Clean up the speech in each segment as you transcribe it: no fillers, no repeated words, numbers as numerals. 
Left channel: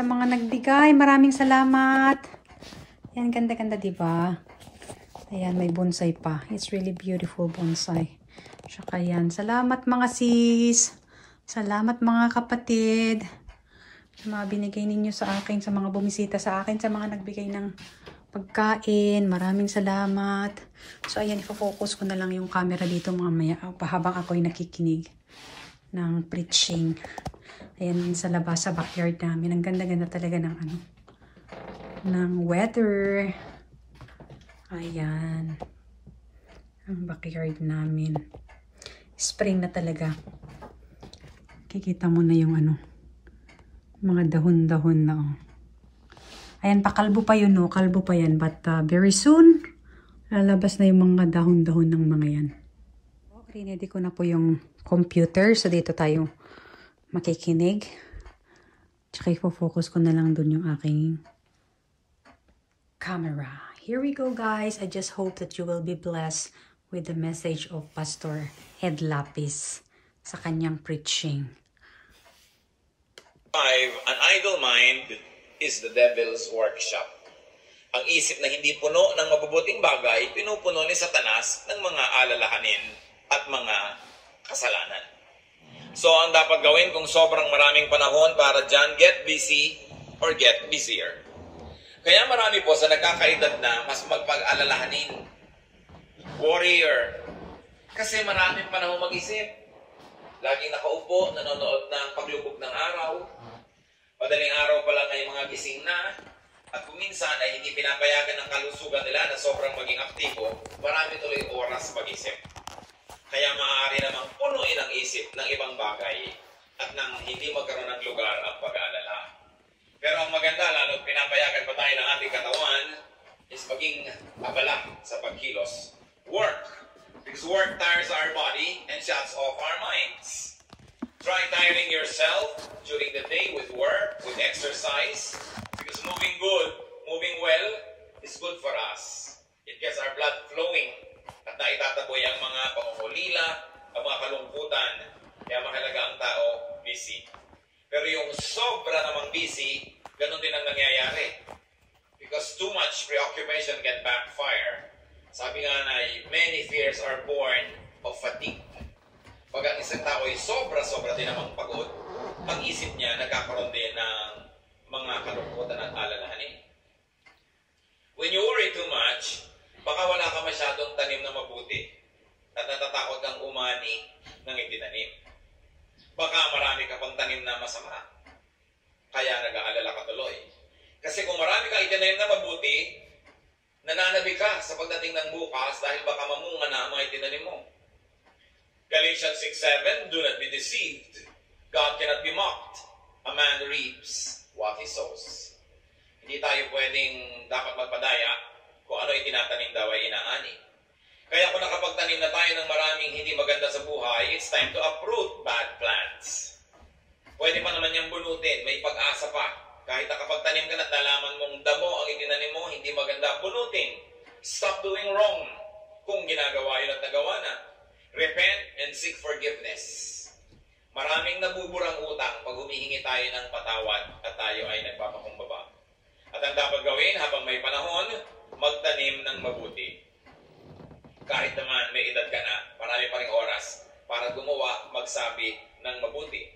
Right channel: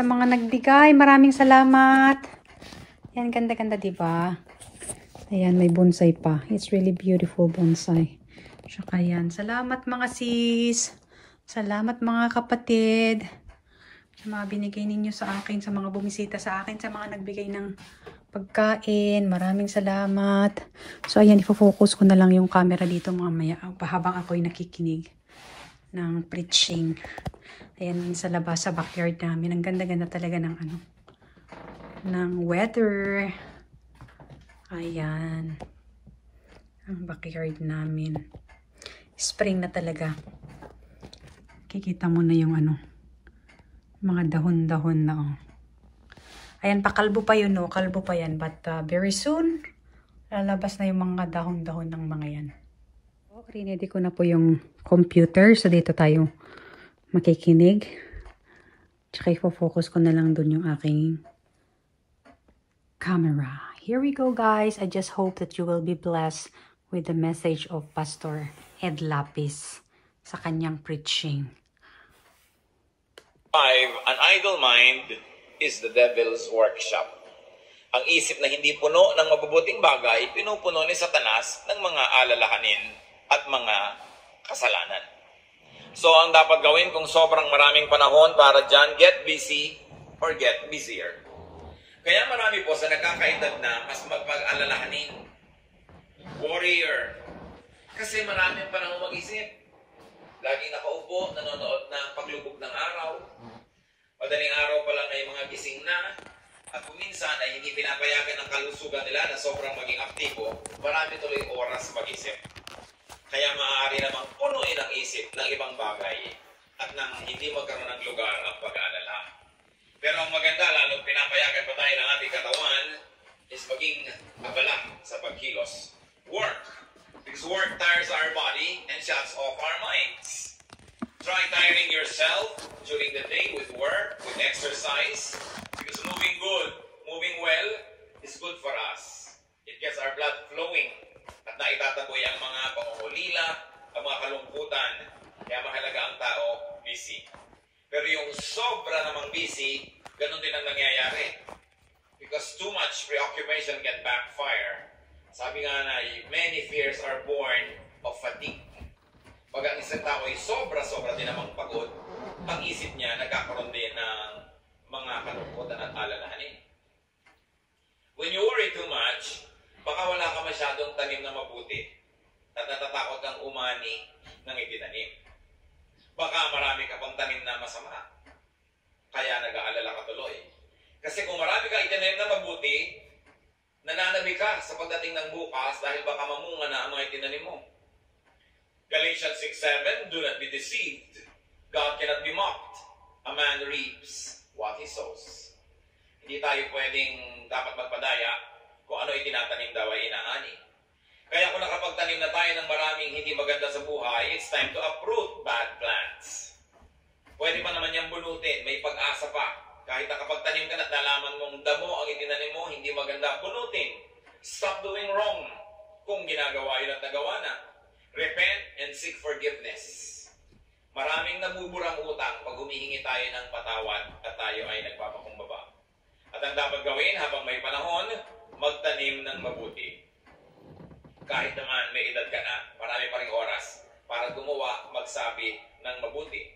sa mga nagbigay. Maraming salamat. Yan, ganda-ganda, diba? Ayan, may bonsai pa. It's really beautiful bonsai. Tsaka yan. Salamat mga sis. Salamat mga kapatid. Sa mga binigay ninyo sa akin, sa mga bumisita sa akin, sa mga nagbigay ng pagkain. Maraming salamat. So, ayan, ifo-focus ko na lang yung camera dito mamaya habang ako'y nakikinig ng preaching. Ayan, sa labas, sa backyard namin. Ang ganda-ganda talaga ng ng weather. Ayan. Ang backyard namin. Spring na talaga. Kikita mo na yung mga dahon-dahon na Ayan, pakalbo pa yun, no? Kalbo pa yan. But very soon, lalabas na yung mga dahon-dahon ng mga yan. Rinedy ko na po yung computer. So, dito tayo makikinig. Tsaka i-focus ko na lang dun yung aking camera. Here we go, guys. I just hope that you will be blessed with the message of Pastor Ed Lapis sa kanyang preaching. 5. An idle mind is the devil's workshop. Ang isip na hindi puno ng mabubuting bagay, pinupuno ni Satanas ng mga alalahanin at mga kasalanan. So, ang dapat gawin kung sobrang maraming panahon para dyan, get busy or get busier. Kaya marami po sa nagkakaedad na mas magpag-alalahanin. Warrior. Kasi maraming panahon mag-isip. Laging nakaupo, nanonood ng paglubog ng araw. Madaling araw pa lang ay mga gising na. At kung minsan ay hindi pinapayagan ng kalusugan nila na sobrang maging aktibo, marami tuloy oras mag-isip. Kaya maaari namang punuin ang isip ng ibang bagay at nang hindi magkaroon ng lugar ang pag-aalala. Pero ang maganda, lalo pinapayagan pa tayo ng ating katawan, is maging abala sa pagkilos. Work. Because work tires our body and shuts off our minds. Try tiring yourself during the day with work, with exercise, because moving good, moving well, is good for us. It gets our blood flowing at naitataboy ang mga pangungulila, ang mga kalungkutan. Kaya mahalaga ang tao, busy. Pero yung sobra namang busy, ganun din ang nangyayari. Because too much preoccupation can backfire. Sabi nga na, many fears are born of fatigue. Pag ang isang tao ay sobra-sobra din namang pagod, ang isip niya nagkakaroon din ng mga kalungkutan at alalahanin. When you worry too much, baka wala ka masyadong tanim na mabuti at natatakot kang umani ng itinanim. Baka marami ka pang tanim na masama, kaya nag-aalala ka tuloy. Kasi kung marami ka itinanim na mabuti, nananabi ka sa pagdating ng bukas dahil baka mamunga na ang mga itinanim mo. Galatians 6:7, do not be deceived. God cannot be mocked. A man reaps what he sows. Hindi tayo pwedeng dapat magpadaya kung ano itinatanim daw ay inaani. Kaya kung nakapagtanim na tayo ng maraming hindi maganda sa buhay, it's time to uproot bad plants. Pwede pa naman niyang bunutin, may pag-asa pa. Kahit nakapagtanim ka at nalaman mong damo ang itinanim mo, hindi maganda, bunutin. Stop doing wrong kung ginagawa yun at nagawa na. Repent and seek forgiveness. Maraming nabuburang utang pag humihingi tayo ng patawad at tayo ay nagpapakumbaba. At ang dapat gawin habang may panahon, magtanim ng mabuti. Kahit naman may edad ka na, marami pa ring oras para gumawa, magsabi ng mabuti.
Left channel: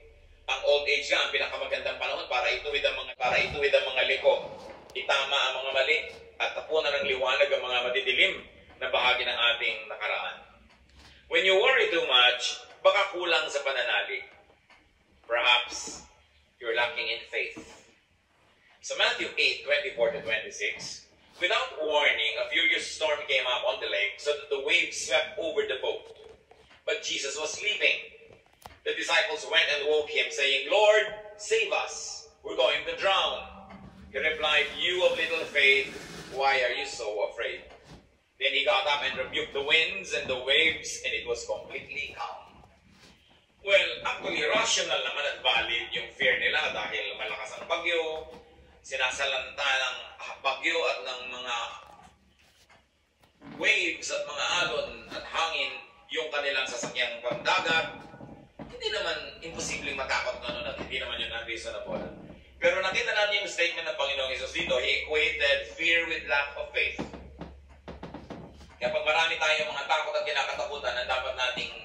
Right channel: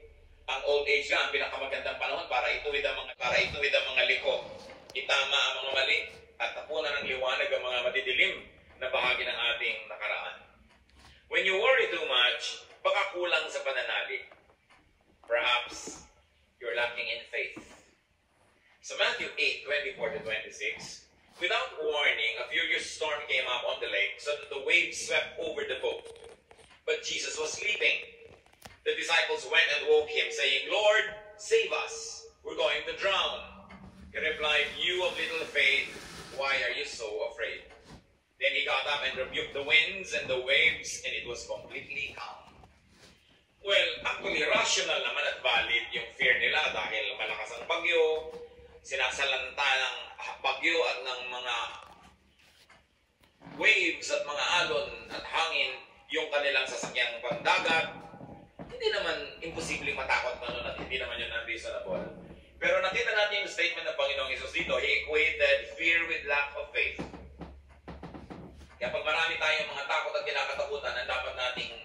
Ang old age nga, ang pinakamagandang panahon para ituwid ang mga liko. Itama ang mga mali at tapunan ng liwanag ang mga madidilim na bahagi ng ating nakaraan. When you worry too much, baka kulang sa pananalig. Perhaps you're lacking in faith. Sa Matthew 8:24-26, without warning, a furious storm came up on the lake so that the waves swept over the boat. But Jesus was sleeping. The disciples went and woke him, saying, Lord, save us. We're going to drown. He replied, you of little faith, why are you so afraid? Then he got up and rebuked the winds and the waves, and it was completely calm. Well, actually, rational naman at valid yung fear nila dahil malakas ang bagyo, sinasalanta ng bagyo at ng mga waves at mga alon at hangin yung kanilang sasakyang pandagat. Hindi naman imposibleng matakot na nun at hindi naman yun unreasonable. Pero nakita natin yung statement ng Panginoong Hesus dito. He equated fear with lack of faith. Kaya pag marami tayong mga takot at kinakatakutan, ang dapat nating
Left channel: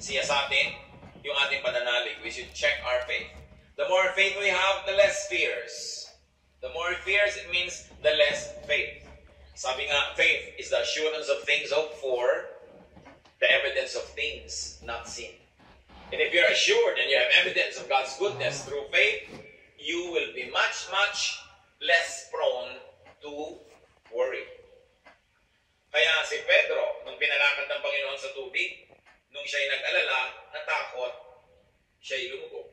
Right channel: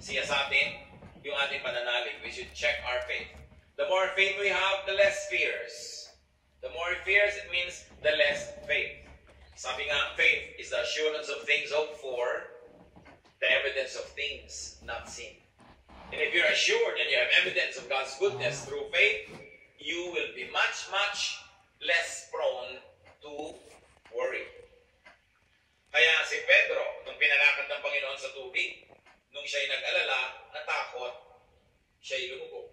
siyasatin yung ating pananalig. We should check our faith. The more faith we have, the less fears. The more fears, it means the less faith. Sabi nga, faith is the assurance of things hoped for, the evidence of things not seen. And if you're assured and you have evidence of God's goodness through faith, you will be much, much less prone to worry. Kaya si Pedro, nung pinalakad ng Panginoon sa tubig, nung siya'y nag-alala, natakot, siya'y lumubog.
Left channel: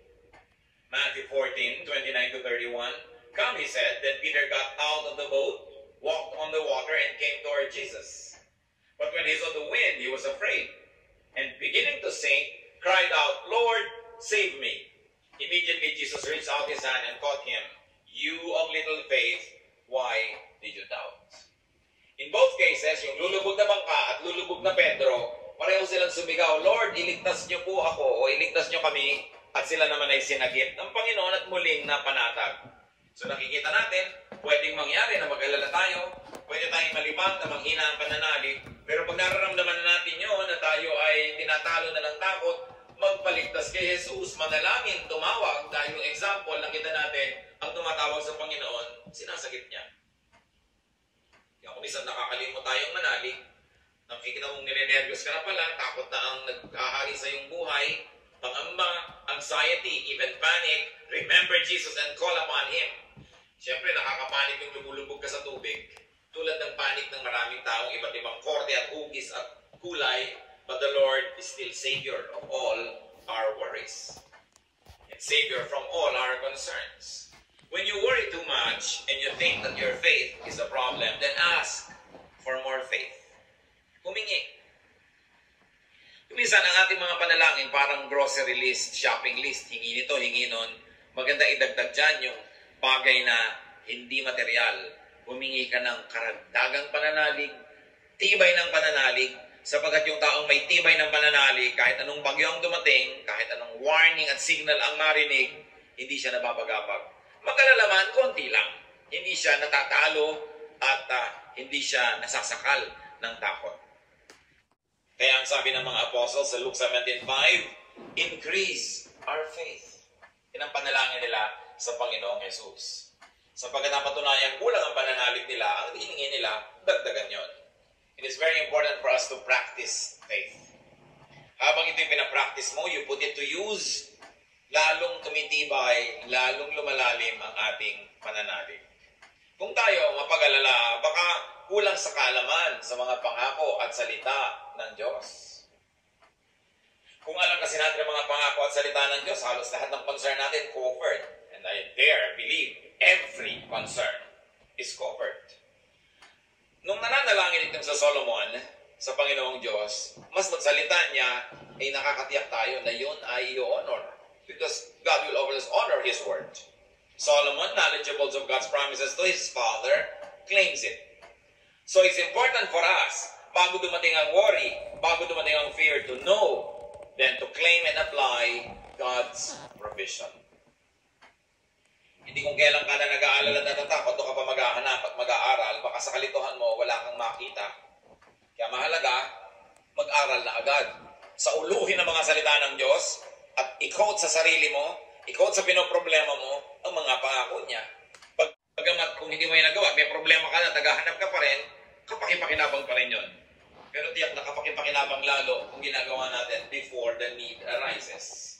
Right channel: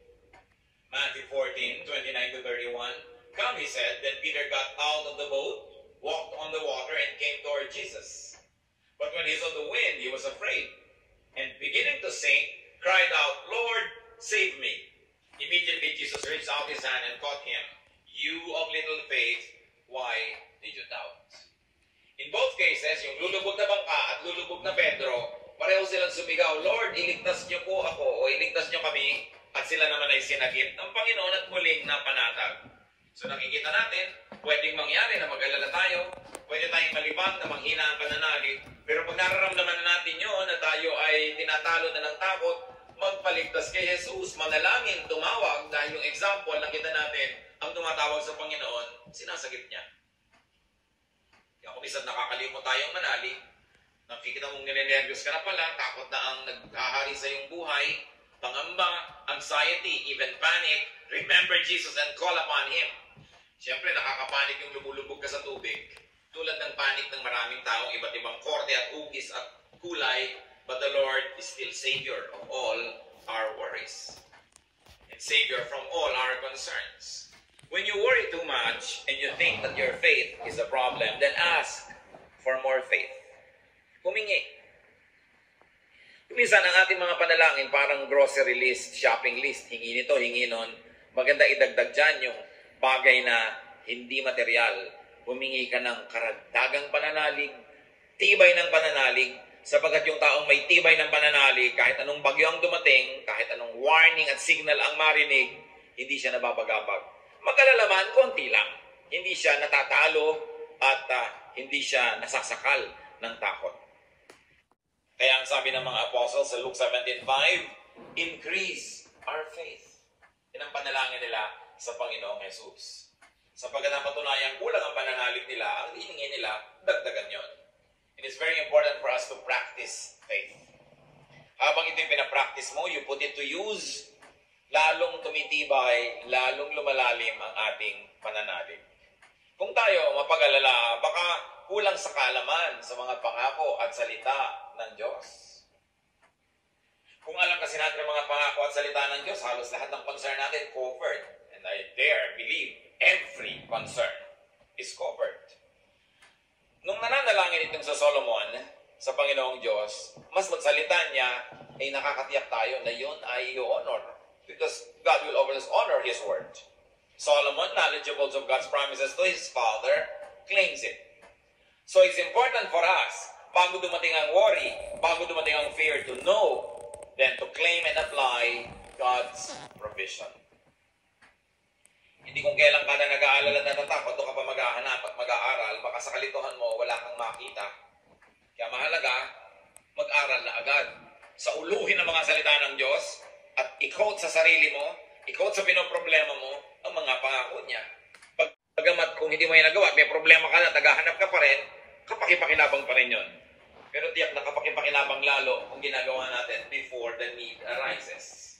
Matthew 14:29-31, "Come," he said. Then Peter got out of the boat, walked on the water, and came toward Jesus. But when he saw the wind, he was afraid, and beginning to sink, cried out, "Lord, save me." Immediately Jesus reached out his hand and caught him. "You of little faith, why did you doubt?" In both cases, yung lulubog na bangka at lulubog na Pedro, pareho silang sumigaw, "Lord, iligtas niyo po ako," o "iligtas niyo kami," at sila naman ay sinagip ng Panginoon at muling napanatag. So nakikita natin, pwedeng mangyari na mag-alala tayo, pwede tayong malibang na manghina ang pananalig, pero pag nararamdaman natin yun na tayo ay tinatalo na ng takot, magpaligtas kay Jesus, manalangin, tumawag, dahil yung example, nakita natin, ang tumatawag sa Panginoon, sinasagip niya. Kaya kung isang nakakalimot tayong manalig, nakikita mong ninenervyos ka na pala, takot na ang nag-ahari sa iyong buhay, pangamba, anxiety, even panic, remember Jesus and call upon Him. Siyempre, nakakapanik yung lumulubog ka sa tubig. Tulad ng panik ng maraming taong iba't ibang korte at hugis at kulay, but the Lord is still Savior of all our worries. And Savior from all our concerns. When you worry too much and you think that your faith is a problem, then ask for more faith. Humingi. Minsan ang ating mga panalangin parang grocery list, shopping list, hingi nito, hingi nun. Maganda idagdag dyan yung bagay na hindi material. Humingi ka ng karagdagang pananalig, tibay ng pananalig, sapagkat yung taong may tibay ng pananalig, kahit anong bagyo ang dumating, kahit anong warning at signal ang marinig, hindi siya nababagabag. Mag-alala man, konti lang. Hindi siya natatalo at hindi siya nasasakal ng takot. Kaya ang sabi ng mga apostles sa Luke 17:5, increase our faith. Yan ang panalangin nila sa Panginoong Jesus. Sapagkat napatunayang kulang ang pananalig nila, ang hiningi nila, dagdagan yon. It is very important for us to practice faith. Habang ito yung pinapractice mo, you put it to use, lalong tumitibay, lalong lumalalim ang ating pananalig. Kung tayo mapag-alala, baka kulang sa kaalaman sa mga pangako at salita ng Diyos. Kung alam kasi natin ang mga pangako at salita ng Diyos, halos lahat ng concern natin covered. And I dare believe every concern is covered. Nung nananalangin itong sa Solomon, sa Panginoong Diyos, mas magsalita niya, ay nakakatiyak tayo na yun ay i-honor. Because God will always honor His word. Solomon, knowledgeable of God's promises to his father, claims it. So it's important for us, bago dumating ang worry, bago dumating ang fear, to know, then to claim and apply God's provision. Hindi kung kailan ka na nag-aalala at natatakot, doon ka pa maghahanap at mag-aaral, baka sa kalituhan mo, wala kang makita. Kaya mahalaga, mag-aral na agad. Sa uluhin ang mga salita ng Diyos, at i-quote sa sarili mo, i-quote sa pinoproblema mo, ang mga pangako niya. Pagamat kung hindi mo yung nagawa, may problema ka na, naghahanap ka pa rin, kapakipakinabang pa rin yun. Pero tiyak na kapakipakinabang lalo kung ginagawa natin before the need arises.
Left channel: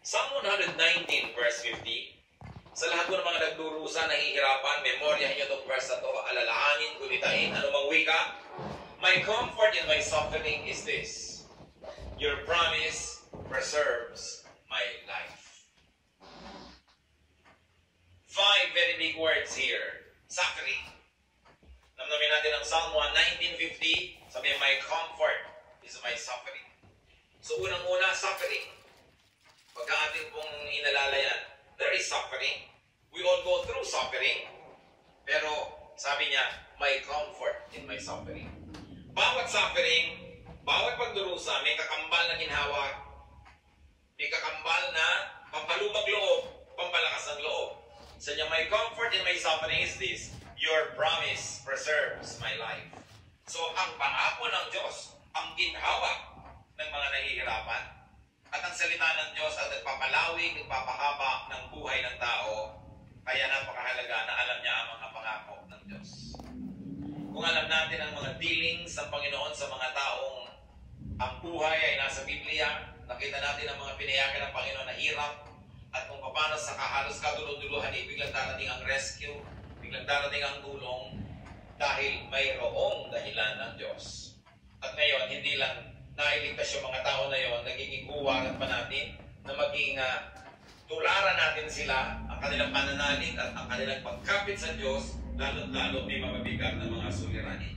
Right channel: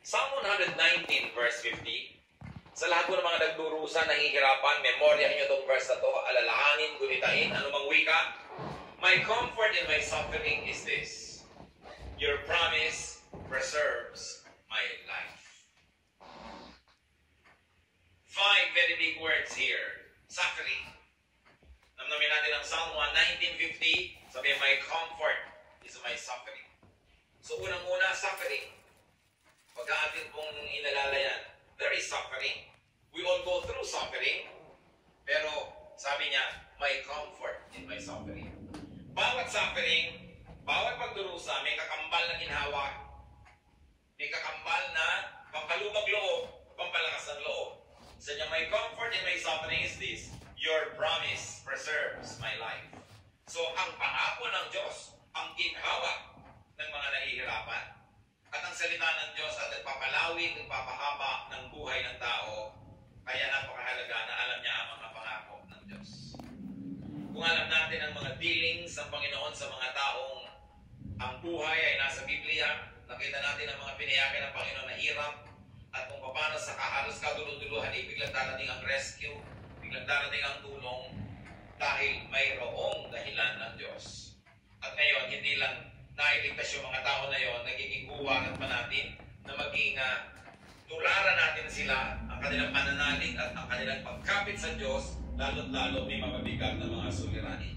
Psalm 119 verse 50, sa lahat ko ng mga nagdurusa, nahihirapan, memoryahin niyo itong verse na ito, alalahanin, gunitain, anumang wika. My comfort in my suffering is this: your promise preserves my life. 5 very big words here. Suffering. Namnamin natin ang Psalm 19:50, sabi, my comfort is my suffering. So unang-una, suffering. Pagka ating pong inalala yan, there is suffering. We all go through suffering. Pero sabi niya, my comfort in my suffering. Bawat suffering, bawat pagdurusa, may kakambal na ginhawa. May kakambal na pampalubag loob, pampalakas ng loob. Sa inyo, my comfort in my suffering is this: your promise preserves my life. So, ang pangako ng Diyos, ang ginhawa ng mga nahihirapan, at ang salita ng Diyos at nagpapalawig, nagpapahaba ng buhay ng tao. Kaya napakahalaga na alam niya ang mga pangako ng Diyos. Kung alam natin ang mga dealings ng Panginoon sa mga taong ang buhay ay nasa Biblia, nakita natin ang mga pinayagan ng Panginoon na hirap, at kung paano sa halos kaduluduluhan ay biglang darating ang rescue, biglang darating ang tulong, dahil mayroong dahilan ng Diyos. At ngayon, hindi lang nailigtas yung mga tao na yon, nagiging buwaran pa natin na maging tularan natin sila, ang kanilang pananalig at ang kanilang pagkapit sa Diyos, lalo't-lalo may mababigat na mga suliranin.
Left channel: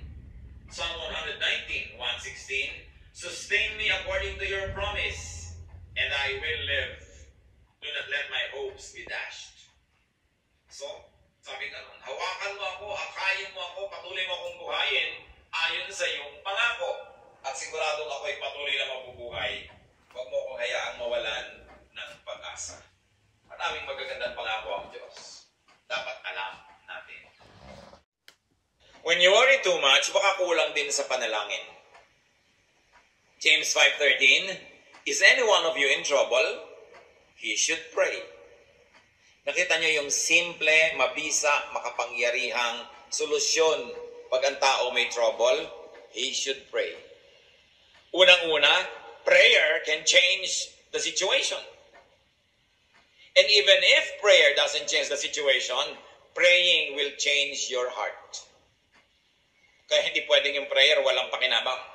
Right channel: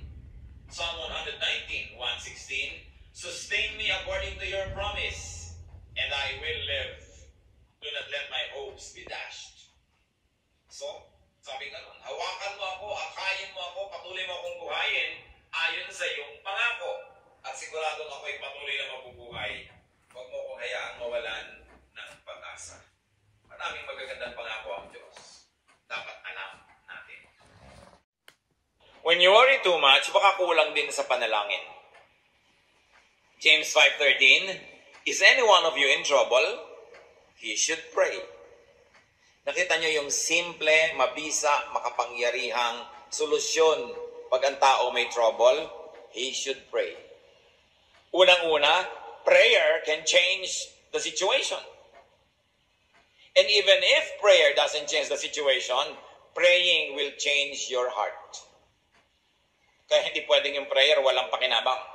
Psalm 119, 116, sustain me according to your promise, and I will live. Do not let my hopes be dashed. So, sabi ka nun, hawakan mo ako, akayin mo ako, patuloy mo akong buhayin ayon sa iyong pangako. At siguradong ako'y patuloy na mabubuhay. Huwag mo kong hayaang mawalan ng pag-asa. Maraming magagandang pangako ang Diyos. Dapat alam natin. When you worry too much, baka kulang din sa panalangin. James 5:13, is any one of you in trouble? He should pray. Nakita nyo yung simple, mabisa, makapangyarihang solusyon pag ang tao may trouble? He should pray. Unang-una, prayer can change the situation. And even if prayer doesn't change the situation, praying will change your heart. Kaya hindi pwedeng yung prayer walang pakinabang.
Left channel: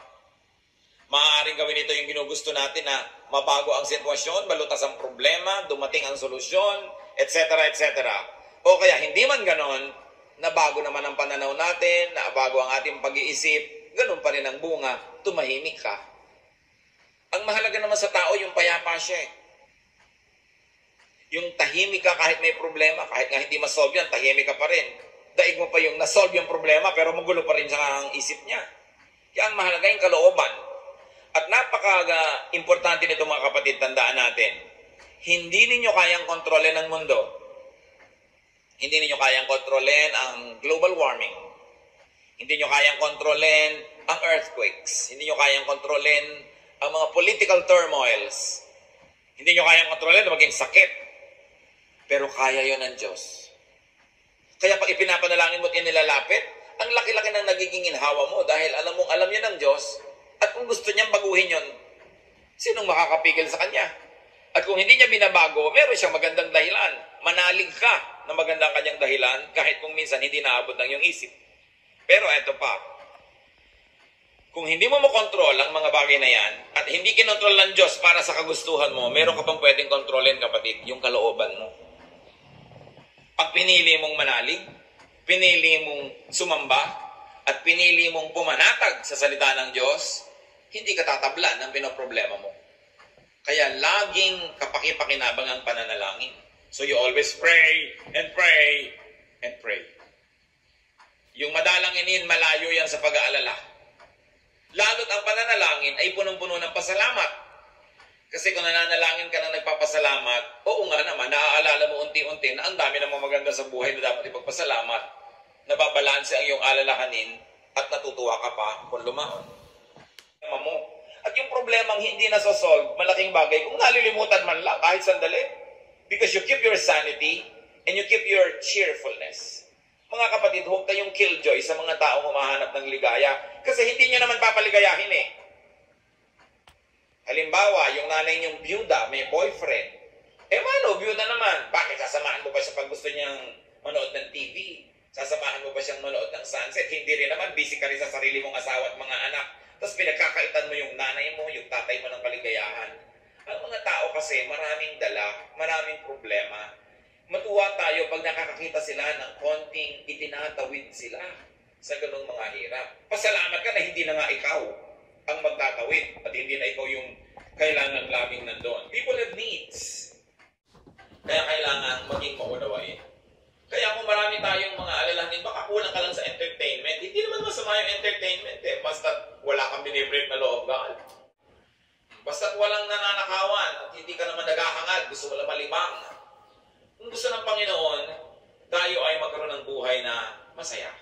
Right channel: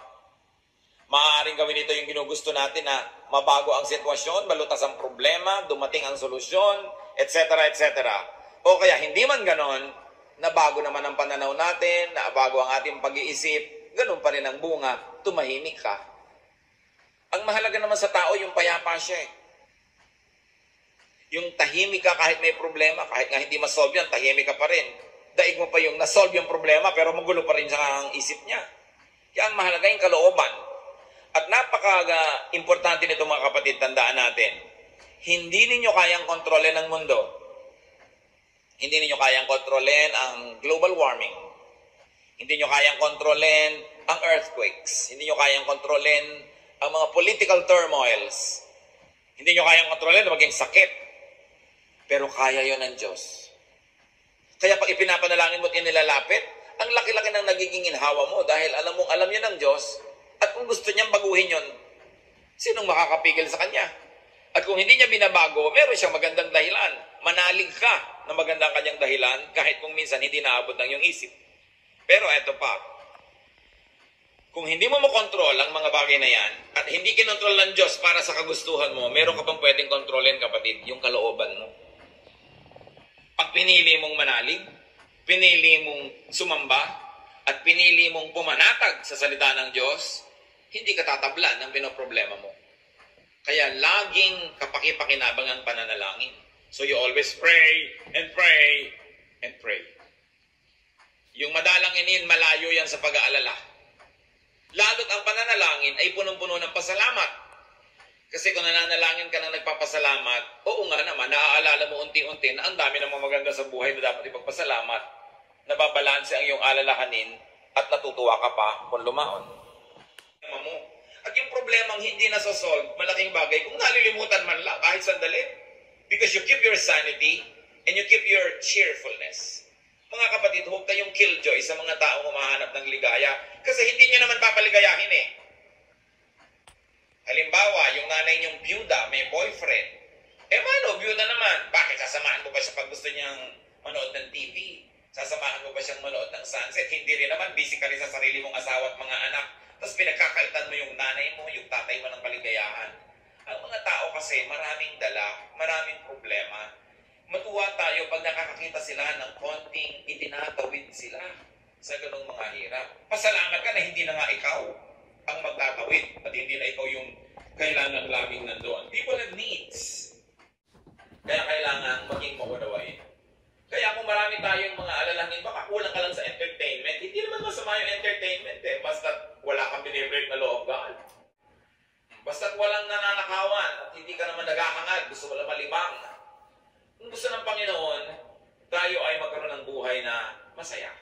Maaaring gawin ito yung ginugusto natin na mabago ang sitwasyon, malutas ang problema, dumating ang solusyon, etc. etc. O kaya hindi man ganon, nabago naman ang pananaw natin, nabago ang ating pag-iisip, ganun pa rin ang bunga, tumahimik ka. Ang mahalaga naman sa tao, yung payapa siya eh. Yung tahimik ka kahit may problema, kahit nga hindi masolve yan, tahimik ka pa rin. Daig mo pa yung nasolve yung problema, pero magulo pa rin sa isip niya. Kaya ang mahalaga yung kalooban. At napaka-importante nito mga kapatid, tandaan natin, hindi ninyo kayang kontrolin ang mundo. Hindi ninyo kayang kontrolin ang global warming. Hindi nyo kayang kontrolin ang earthquakes. Hindi nyo kayang kontrolin ang mga political turmoils. Hindi nyo kayang kontrolin na maging sakit. Pero kaya yon ng Diyos. Kaya pag ipinapanalangin mo at inilalapit, ang laki-laki ng nagiging inhawa mo dahil alam mong alam yan ng Diyos. At kung gusto niyang baguhin yon, sinong makakapigil sa kanya? At kung hindi niya binabago, meron siyang magandang dahilan. Manalig ka na magandang kanyang dahilan kahit kung minsan hindi naabot ng iyong isip. Pero eto pa, kung hindi mo makontrol ang mga bagay na yan at hindi kinontrol ng Diyos para sa kagustuhan mo, meron ka pang pwedeng kontrolin, kapatid, yung kalooban mo. Pag pinili mong manalig, pinili mong sumamba, at pinili mong pumanatag sa salita ng Diyos, hindi ka tatablan ng pinoproblema mo. Kaya laging kapaki-pakinabang ang pananalangin. So you always pray and pray and pray. Yung madalanginin, malayo yan sa pag-aalala. Lalo't ang pananalangin ay punong-puno ng pasalamat. Kasi kung nananalangin ka ng nagpapasalamat, oo nga naman, naaalala mo unti-unti na ang dami ng mga maganda sa buhay na dapat ipagpasalamat. Nababalanse ang iyong alalahanin at natutuwa ka pa kung lumaon. At yung problemang hindi nasosolve, malaking bagay, kung nalilimutan man lang kahit sandali. Because you keep your sanity and you keep your cheerfulness. Mga kapatid, huwag kayong killjoy sa mga taong humahanap ng ligaya. Kasi hindi nyo naman papaligayahin eh. Halimbawa, yung nanay niyong byuda, may boyfriend. Mano, byuda naman. Bakit sasamahan mo ba siya pag gusto niyang manood ng TV? Sasamahan mo ba siyang manood ng sunset? Hindi rin naman, busy ka rin sa sarili mong asawa at mga anak. Tapos pinagkakaitan mo yung nanay mo, yung tatay mo ng kaligayahan. Ang mga tao kasi maraming dala, maraming problema. Matuwa tayo pag nakakakita sila ng konting itinatawid sila sa ganung mga hirap. Pasalamat ka na hindi na nga ikaw ang magtatawid at hindi na ikaw yung kailangan laming nandoon. People have needs. Kaya kailangan maging maunawain. Kaya kung marami tayong mga alalahanin, baka kulang ka lang sa entertainment. Hindi naman masama yung entertainment eh. Basta wala kang binibreak na law of God. Basta walang nananakawan at hindi ka naman naghahangad, gusto mo lang malimang. Kung gusto ng Panginoon, tayo ay magkaroon ng buhay na masaya.